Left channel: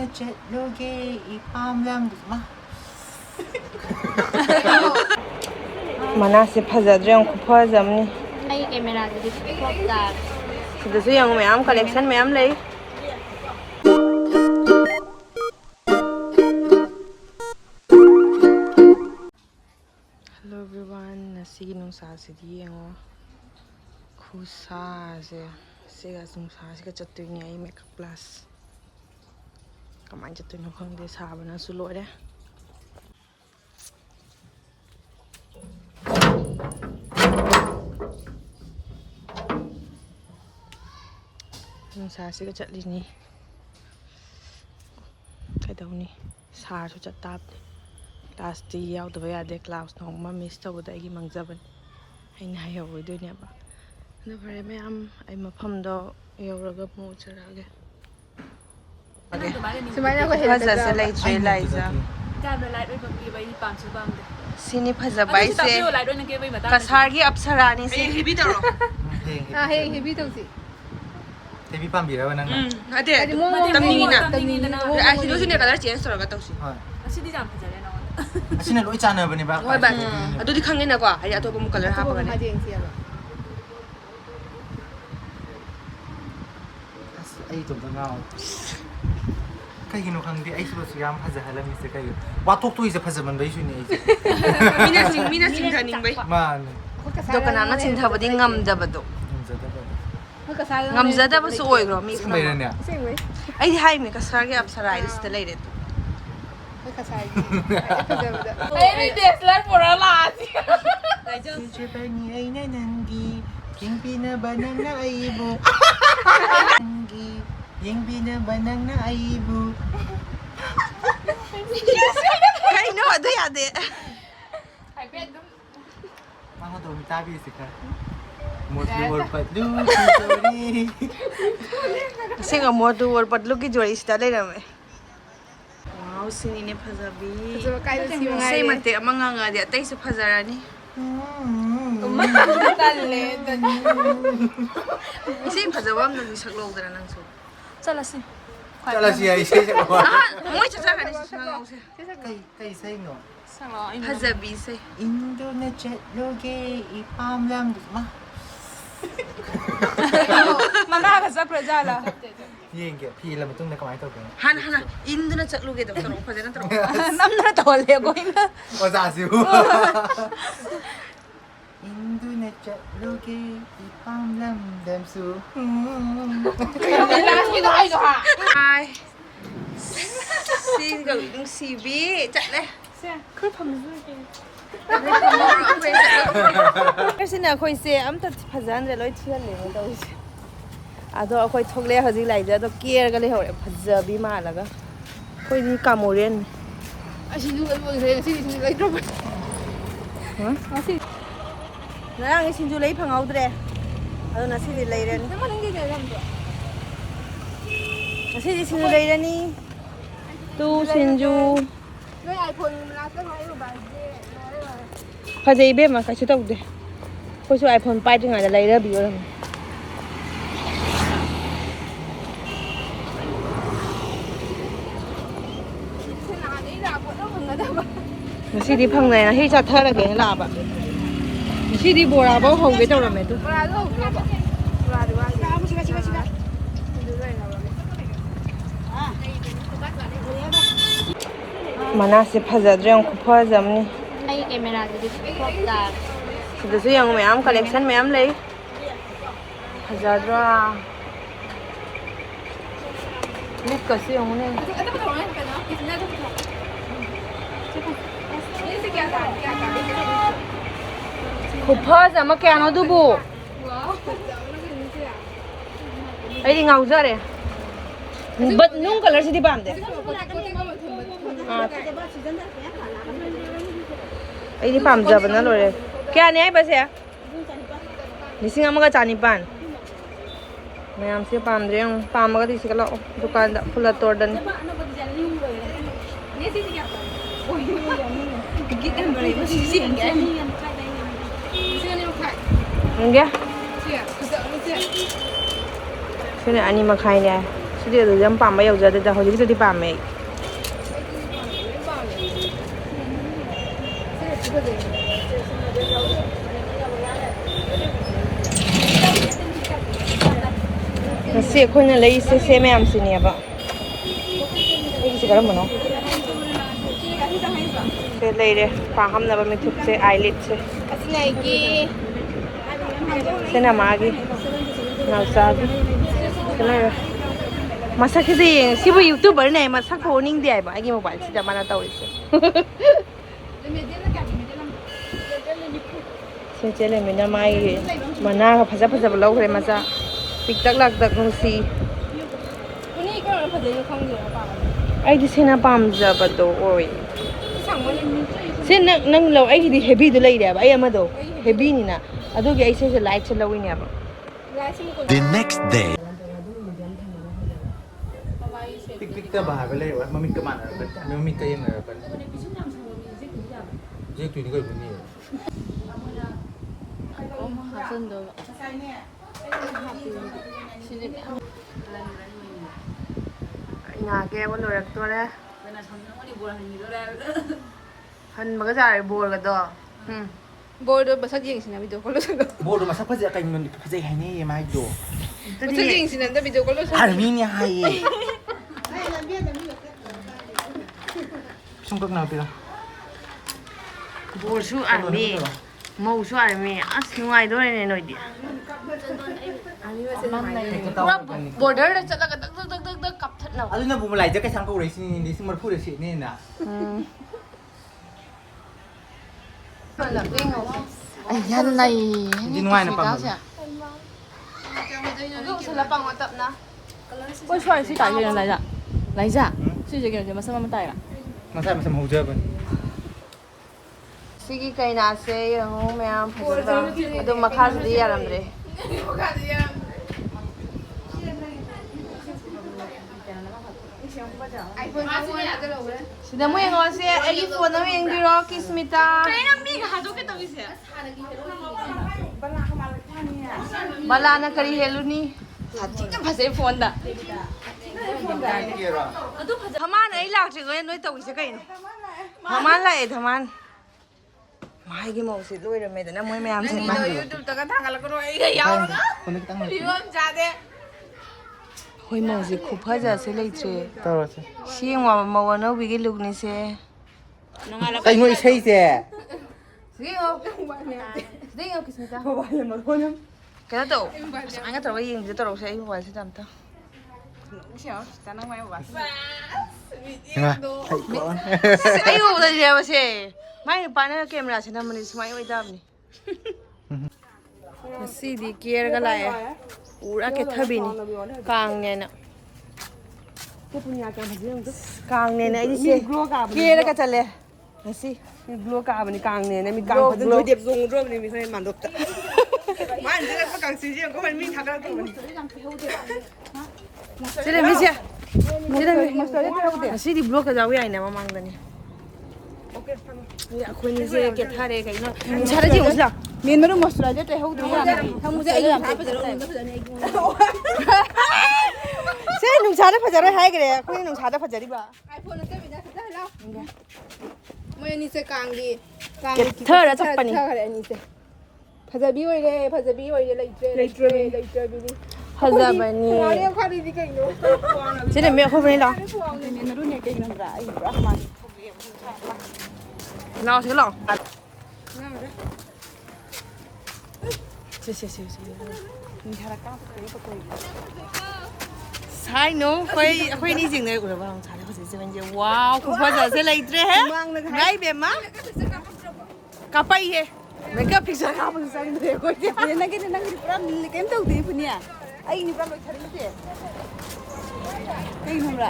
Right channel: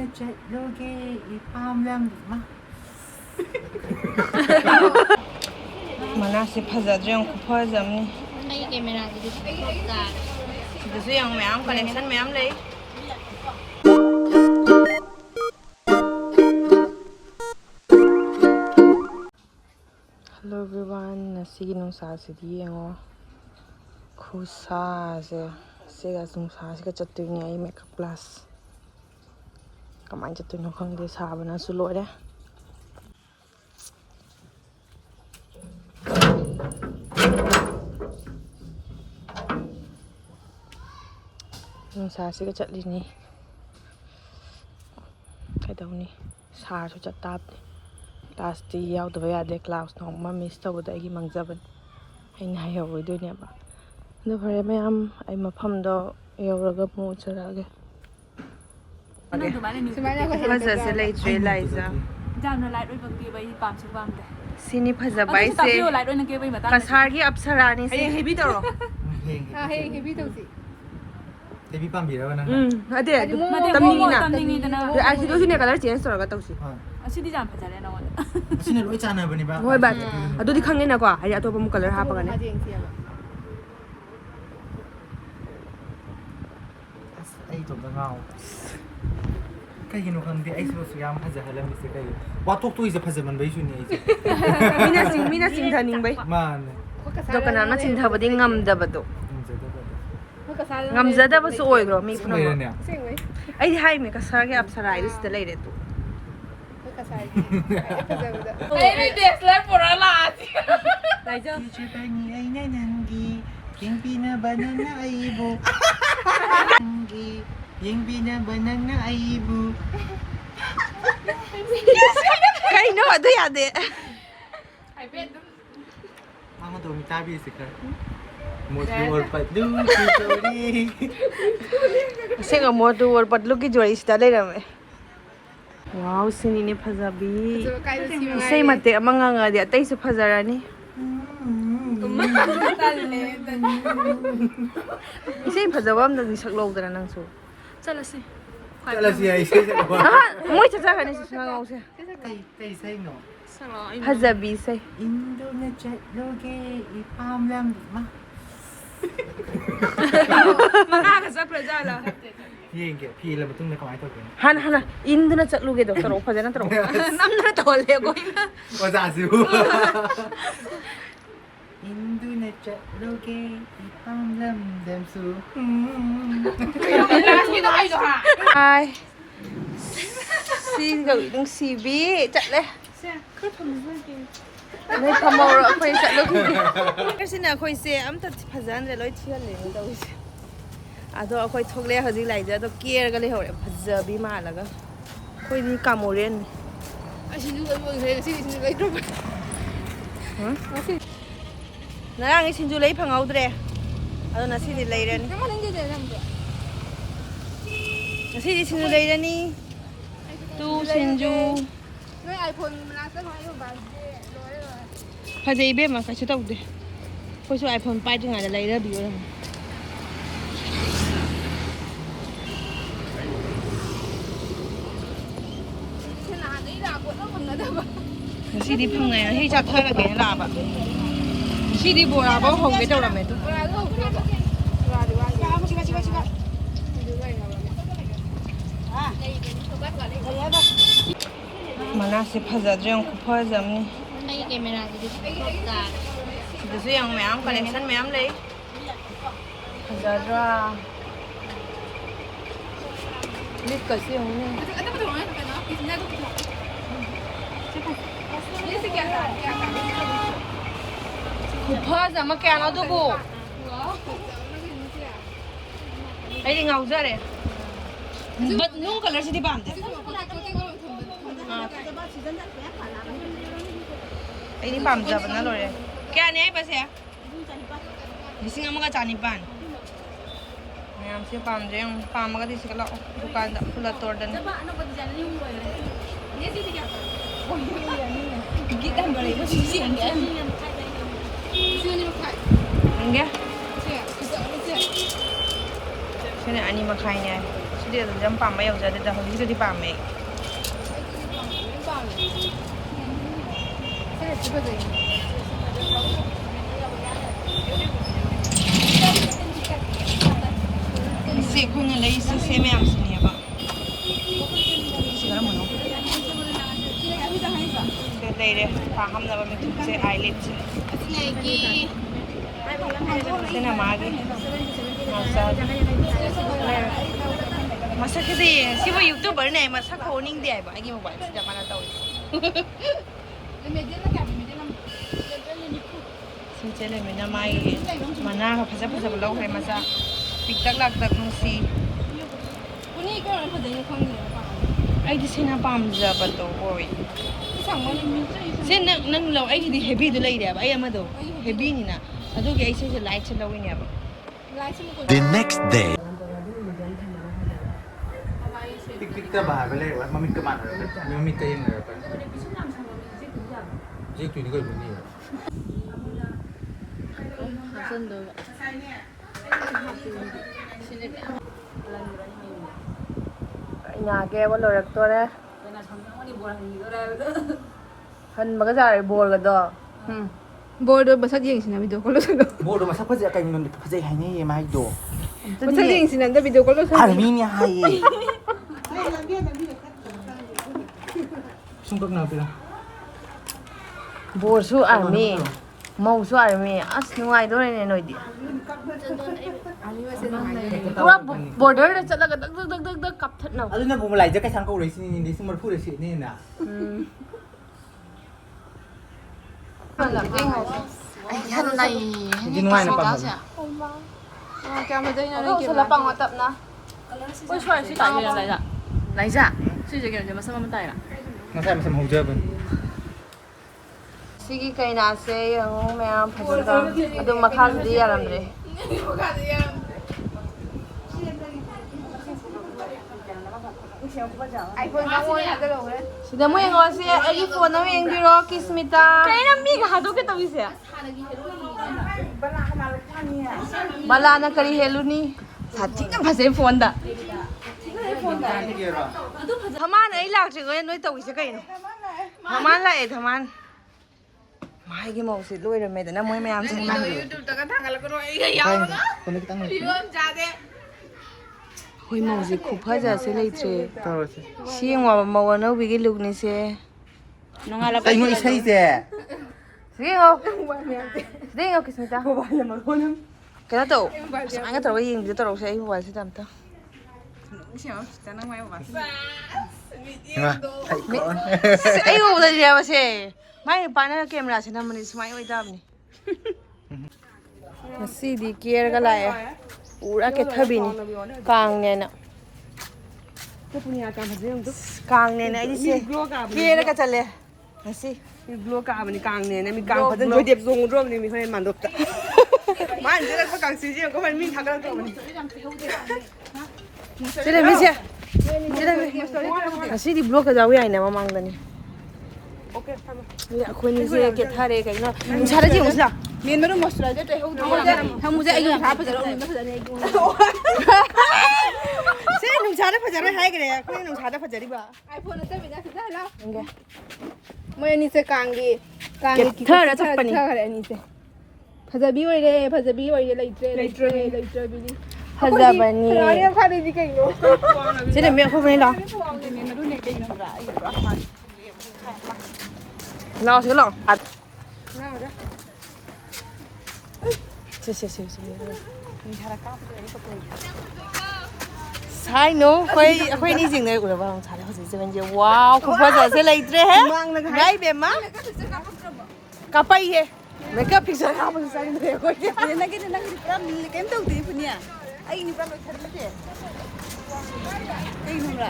Induna chatloge ipamlam ma. Mana si phajadre ang khupajamni. Ay camera jadi foto. Sidasu yang mayam collection mayam lay. Hello everyone, nasidi nasidi yengo. Khusa se sega nungsa siga chattuini ai makeup class. Kamai chattuino khangde sabana su loire. ꯅꯨꯡꯁꯥꯁꯤꯒ ꯆꯠꯂꯤꯅꯤ ꯀꯩꯗꯧꯅꯤ ꯁꯥꯔꯁꯨ ꯆꯠꯇꯥꯕꯅꯤ ꯀ꯭ꯂꯥꯁꯇꯤ ꯌꯥꯎꯗꯕ ꯌꯥꯗꯦ class ꯅꯣꯡꯃ ꯃꯤꯁ ꯇꯧꯕꯗ ꯑꯩꯒꯤ ꯃꯥꯡꯖꯕꯅꯤ ꯑꯩꯅ ꯍꯥꯏꯍꯧꯔꯣꯏꯗꯣꯏꯅꯦꯕ ꯑꯗꯨ ꯐꯔꯦ ꯃꯌꯥꯝ ꯑꯩ ꯃꯐꯝꯗꯣ ꯌꯧꯔꯒ ꯑꯃꯨꯛ ꯎꯠꯆꯔꯛꯑꯒꯦ ꯐꯖꯁꯦ ꯂꯩꯇ꯭ꯔꯦ ꯂꯥꯏꯖꯥ ꯁꯤꯅꯤ ꯐꯖꯕ ꯑꯩꯁꯦ ꯀꯁꯥꯔꯒꯤ ꯑꯞꯁꯔꯥꯅꯤ ꯁꯤ ꯍꯦꯕꯤ ꯇꯧꯔꯣ Heavy tausi. Heavy pambira nang. ꯑꯗꯦ ꯇꯝꯅꯤꯡꯉꯤꯅ ꯑꯁꯤꯗꯣꯁꯤꯅꯦ ꯀꯂꯔ ꯆꯦꯟꯖ ꯇꯧꯔꯒ ꯇꯧꯁꯤ Asidi jam fajare na wala. Asina loi chanabani ba. ꯍꯣꯏ ꯕꯥ ꯑꯗꯨꯗꯤ ꯈꯪꯉꯦꯅꯀꯣ ꯍꯥꯏꯗꯤ ꯑꯇꯣꯞꯄ ꯑꯃꯨꯛ ꯀꯂꯔ ꯍꯥꯞꯄꯒꯅꯤ ꯑꯩ ꯇꯣꯝꯗ ꯉꯥꯎ ꯀꯩꯒꯤꯅꯣ ꯈꯪꯗꯦ ꯑꯩꯁꯨ ꯌꯥꯝ ꯐꯖꯍꯜꯂꯝꯃꯤꯁꯦ ꯀꯩꯒꯤꯅꯣ ꯋꯥꯊꯣꯛꯇꯣꯏꯁꯦ ꯐꯖꯃꯟꯕꯩꯁꯨꯅꯦ ꯑꯩꯁꯦ ꯃꯤꯅ ꯆꯤꯡꯊꯅꯤꯡꯕꯩ ꯃꯥꯅꯦ ꯑꯗꯣ ꯀꯅꯥꯝꯅ ꯆꯤꯡꯊꯕꯗꯤ ꯉꯝꯗꯕꯗꯣ ꯉꯝꯖꯗꯕꯁꯨ ꯑꯣꯏꯈ꯭ꯔꯣ ꯃꯤ ꯄꯨꯝꯅꯃꯛ ꯑꯩꯗꯤ ꯍꯥꯏꯃꯦ ꯀꯁꯥꯔꯒꯤ ꯑꯞꯁꯔꯥ ꯍꯥꯏꯗꯨ ꯁꯤꯗ ꯂꯩꯔꯦ ꯑꯗꯨ Hey, this like for a lot. Chipani aina nangi yengpina banana aibu nangi yengpina banana aibu ꯀꯩꯅꯣ ꯑꯗꯨ ꯌꯥꯗꯦ Mama to mi tabi sika Modu or padu chori ꯑꯁꯦꯡꯕ ꯃꯣꯗꯨ ꯑꯣꯔ ꯄꯠꯂꯨꯒꯤ ꯖꯣꯔꯤꯁꯤꯗ ꯂꯩꯔꯝꯃꯦ ꯋꯥꯎ ꯁꯤꯅꯤꯅꯦ ꯐꯖꯕꯤ ꯏꯁꯩ ꯃꯇꯦꯛ ꯑꯃ ꯉꯪꯉꯗꯤ ꯑꯇꯩꯁꯨ ꯐꯖꯔꯅꯤ ꯏꯁꯩ ꯐꯖꯕ ꯑꯃꯗꯗꯤ ꯁꯛꯂꯧꯗꯅ ꯅꯪꯁꯨ Chalasi. Chalasi ai sei sakwa ꯃꯣꯏ ꯆꯠꯆꯈ꯭ꯔꯅꯤ ꯉꯥꯎꯁꯦ Kay say no ꯐꯖꯕꯤ ꯏꯁꯩ Induna chatloge ipamlam ma Mana ka sa prajala. Yenge pila matungna kamai tawke ꯍꯥꯟꯅ ꯏꯟꯗꯨꯅ ꯆꯠꯂꯨꯒꯦꯗꯣ ꯇꯧꯔꯛꯑꯣ ꯐꯖꯅ ꯇꯧꯔꯛꯑꯣ ꯅꯝꯗꯨꯅ ꯇꯧꯍꯜꯂꯦ ꯑꯩꯈꯣꯏꯅ Ozasu Induna chatloge ipamlam damsu ꯍꯥꯏ ꯁꯤꯒ ꯅꯨꯡꯁꯤꯕꯤ ꯆꯠꯂꯦ ꯅꯣꯏ ꯐꯝꯍꯧꯔꯣ ꯑꯩꯈꯣꯏ ꯆꯠꯂꯨꯒꯦ ꯁꯤꯅ ꯑꯩꯈꯣꯏꯁꯦ ꯑꯝꯇ ꯐꯖꯍꯟꯗ꯭ꯔꯦ ꯂꯣꯏ ꯊꯤꯍꯜꯂꯦꯅꯦ ꯇꯧꯔꯤꯁꯦ ꯑꯗꯣ ꯑꯩꯈꯣꯏ ꯊꯣꯛꯂꯛꯑꯦ ꯍꯧꯖꯤꯛ ꯂꯥꯏꯖꯗꯣ ꯀꯦꯔꯒ ꯂꯩꯍꯧꯔꯦ ꯐꯖꯕꯤ ꯃꯥꯜꯂꯒ ꯑꯩꯈꯣꯏꯗꯤ ꯀꯥꯃꯣꯔꯦꯟꯅꯤ ꯉꯔꯥꯡꯒꯤ ꯁꯤꯡꯖꯨ ꯂꯩ ꯐꯪꯍꯧꯗ꯭ꯔꯦ ꯑꯗꯣ ꯉꯁꯤꯗꯤ ꯂꯩꯔꯅꯤ ꯉꯁꯤꯗꯤ ꯁꯤꯡꯖꯨ ꯂꯩꯔꯅꯤ ꯇꯨ ꯁꯤꯡꯖꯨ ꯐꯖꯩ ꯏꯕꯦꯝꯃ ꯀꯩꯁꯨ ꯇꯧꯗꯦ ꯑꯩꯈꯣꯏꯁꯨ ꯑꯥꯏꯐꯣꯟ ꯄꯥꯏꯗ꯭ꯔꯤꯉꯩꯗ ꯂꯩꯔꯕꯤ ꯑꯣꯏꯔꯝꯃꯤ ꯉꯁꯤꯗꯤ ꯐꯪꯅꯩ ꯉꯁꯤ ꯆꯥꯊꯔꯒꯦꯅ ꯂꯥꯛꯑꯕ ꯉꯁꯤꯗꯤ ꯕꯣꯔꯥꯐꯧ ꯍꯧꯒꯦ ꯇꯧꯔꯝꯃꯦ ꯑꯗꯨ ꯃꯅꯥꯁꯦ ꯐꯖꯗ꯭ꯔꯦ ꯌꯥꯝ ꯈꯨꯐꯖꯝꯅꯤ Ay camera jadi foto. ꯁꯤꯗꯁꯨ ꯌꯦꯡꯉꯨ ꯃꯌꯥꯝ ꯀꯂꯦꯛꯁꯟ ꯃꯌꯥꯝ ꯂꯩ ꯐꯖꯗ꯭ꯔꯥ ꯃꯤꯠꯀꯁꯨ ꯌꯦꯡꯉꯨꯅꯦ ꯈꯨꯐꯖ ꯑꯃ ꯀꯌꯥꯅꯣ ꯑꯗꯨꯕꯨ ꯑꯩꯗꯤ ꯉꯥꯎꯖꯔꯦ ꯕꯠ ꯅꯨꯡ ꯀꯂꯔꯁꯤꯗꯤ ꯄꯥꯝꯗꯦ ꯑꯩꯗꯤ ꯄꯥꯝꯖꯕꯅ ꯂꯣꯏꯔꯦ ꯀꯌꯥꯅꯦ ꯍꯥꯏꯕꯁꯦ 1,100 ꯃꯌꯥꯝꯁꯦ ꯄꯥꯝꯗ꯭ꯔꯦ ꯌꯦꯡꯉꯨ ꯄꯥꯝꯃꯒꯗꯤ ꯁꯤꯒ ꯂꯥꯛꯑꯣ ꯗꯨꯀꯥꯟꯗ ꯐꯨꯜꯂ ꯇꯣꯔꯗꯅꯤ ꯌꯦꯡꯒꯦ ꯁꯤꯅ 2.5ꯅꯦ 시대도 좀 밤에 여자들 다 호지 비도 밤에 세 코는 레이스 세매 암스니야 봐. 이게 그런 뭐노? 레이레 파함 나바 미툭세 아이릿세. 아슬레기 세나 마기. 나사기. 세나 마사키지 시부 유튜버네 마사코 오닝데 봐. 이게 모바일 진짜 많아 떠 있어. 진짜래 맨날 마이 만나 파자파자 블로그에 마사 픽딱락딱 공시 오늘 이거는 버전이 광고야 봐. 아이디 세나 밤자버도 오이 상관은 세나 낭로 아이디 헤비도 레이데 봐. 아이 아마도 헤비니나 아도게 아이세서 라이트 러위냐 봐. The next day. Tik-tik ta bahar bale wa mamit ka mana ba mamit ta yin na ba je tu ni ko bu ni nhà kia có lồi tôi đấy hình mà cái gì bùa cái đó 볼도 마사지 행신나 비디오 콜로 줘. bo do masak phaja kai min phajai hai ni mai do 마사지 행신나 비디오 콜로 줘. har mi ni hai sung kak na pila bùa su army màu su army as nuai đó này nổi đi पूरा border để चला cái đứt đứt đứt đứt cặp thật nào adu na bu lai ja kai sang ko rei sin ni sin mar phu de si ni na 한 나이 Hindi nuai na pa cái sao là bằng hoạt tập na ôi trời suy tải nhiều laija laija suy giờ kiểu mà sao mà tải à masai masam ho ja ba 시기 cây nào sẽ không mẹ phải được đâu adu mà khá gì à làm đấy Sida mo yung kasi egi phone na yung biro kismita. Kaya mi hado ke tawi se. Bala na kari helu ni. 파세 폰다 Thaman ai lak che goy noi tawi se kai no. Thaman la e thaman. Mai gi mo si loi re me da na moi me am sing mai. ko ni tang Hoi mo ji khu pha ja se lei tre. to ro se Siang wa mo no bi gi luk ni se. kai ni sei se Sige ho. Sige ho kismita. Kaya to. Ang nga tawi yung dito ro sa iyo wal si tamta. ma sai ko Ayo udah dia masih. Mai pana camera sih namanya semai wai dam ni. Masih di kira galaya. Ura ke thabi ni. Kang ne na. Kang ne na ini sih. Kira ka chale. Masih. Glow ka bani kang ne na mi kang pa dan jodep zong rom ni mi sai man dot ta man jere ko kang si je ko man mi thakal to ni Sila Misha. Sila. Masih di blok ka jawi ai na mamang dani. Ya aku ni sih ke thare ka no. Sara ji usla. Main मेरो मसला जे ते हौ दो हम मुझे आई हां पर जरा Sila nung sara phajara hai kare. Aku nung sara phajari ba. IPhone ते बिना खदा ला मैं नी से कांगी Kethara chapani. नी से फजबी ओइरे लेइट्रे बिनी Hazabani. अरे खाने दी केनो Sila me aku bani la. Lao sila lao. At. Si. Sai no, khoi ni jing nei ura ba hong chale khosi seven je. Wow, khu pha ja se lai tre hai. Ngai be ma. Kapai he. Makeup picture ka ba sa ni re ko. na ki pura mi kem to di punya ai ni ba lo thar le ke ai nu ra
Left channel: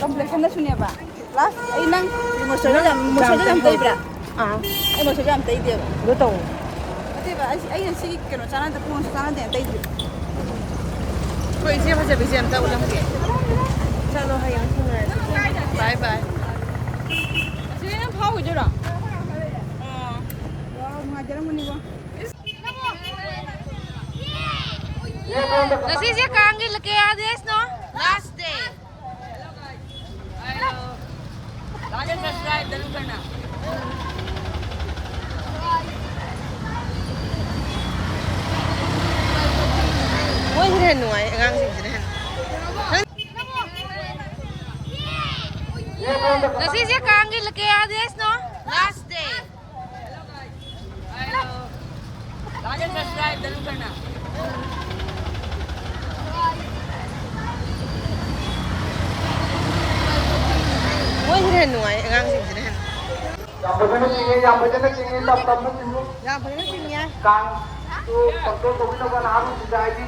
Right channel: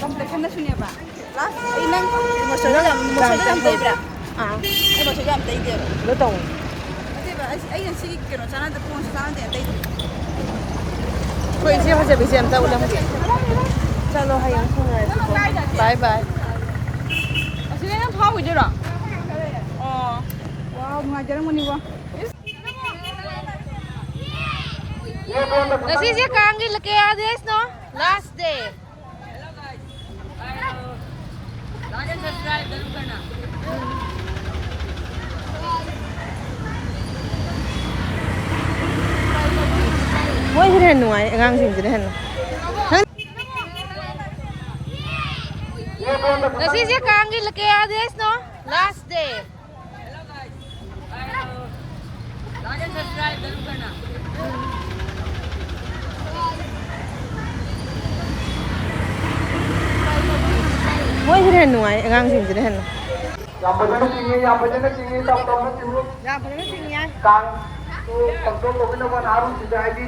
complexion na sunya ba last ai nang mo so jam tai bra Ah, ai mo so jam tai dia lo tong. ate ba ai si ke no sana de pon sana de tai Khoi je pha ja bi jam ta ulam ke. Chalo hayang sunai. Bye bye. 진짜 하고 있더라 wow ngajar mo ni wa Nasi je Kang gi lake ades no. last day ไม่เห็นหน่วยงานสิ่งจะได้เห็นแล้วที่จะกางกินละแกอาเดสเนาะ last day ไม่เห็นหน่วยงานสิ่งจะได้เห็นyang benar sini ya Kang tu control tu kita kan harus sudah ID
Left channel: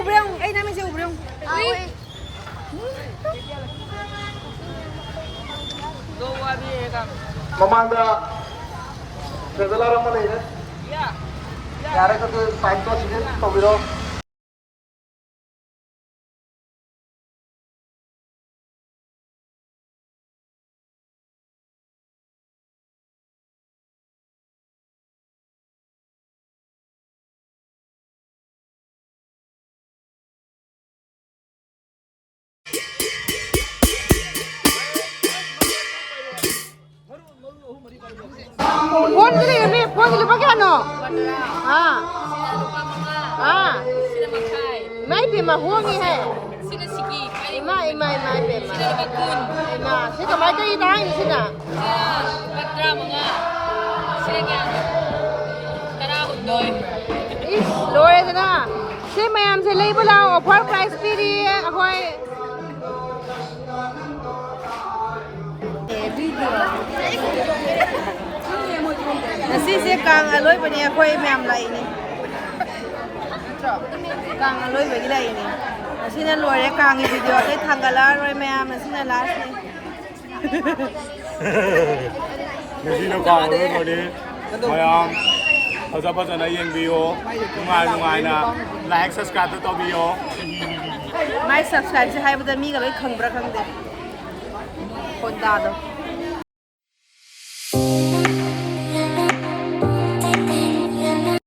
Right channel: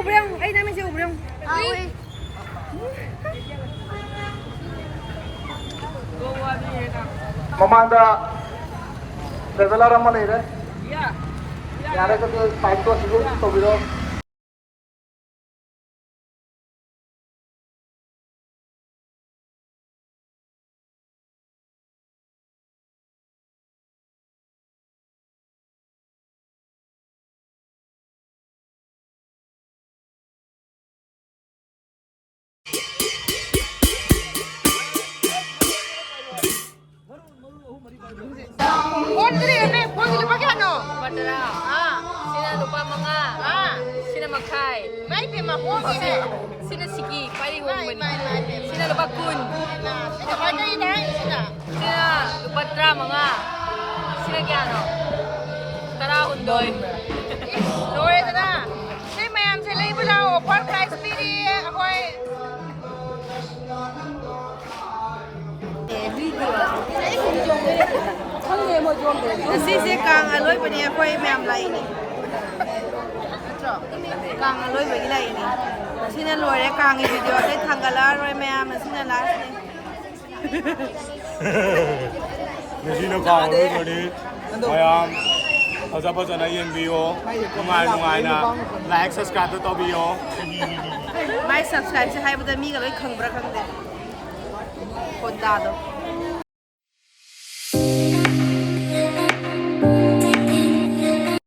ubrong namin si ubrong Mamanda traveler amma nahi hai yare ka to time to sige to biro Kung pakai ano? Sila lupa mga. Sila makai. May pimahong ini. Sila sigi. May. Sila lupa kun. Sila macam ini sila. Sila lupa dra mga. Sila kaya. Tarahon doy. Is Lord na. Si mayam si label lang offer price pili ako'y Nasidi Kang aloiba ni ako'y mayam lai ni. Kang aloiba gila ini. Nasina Lord Kang i video ay tanggalar ay mayam nasina last ni. Nasina Kang aloiba ni mayam Azapa na yung video, lungai na like, subscribe to video. May subscribe sa hay ba dami ka ba kang bra kang de. Kondado.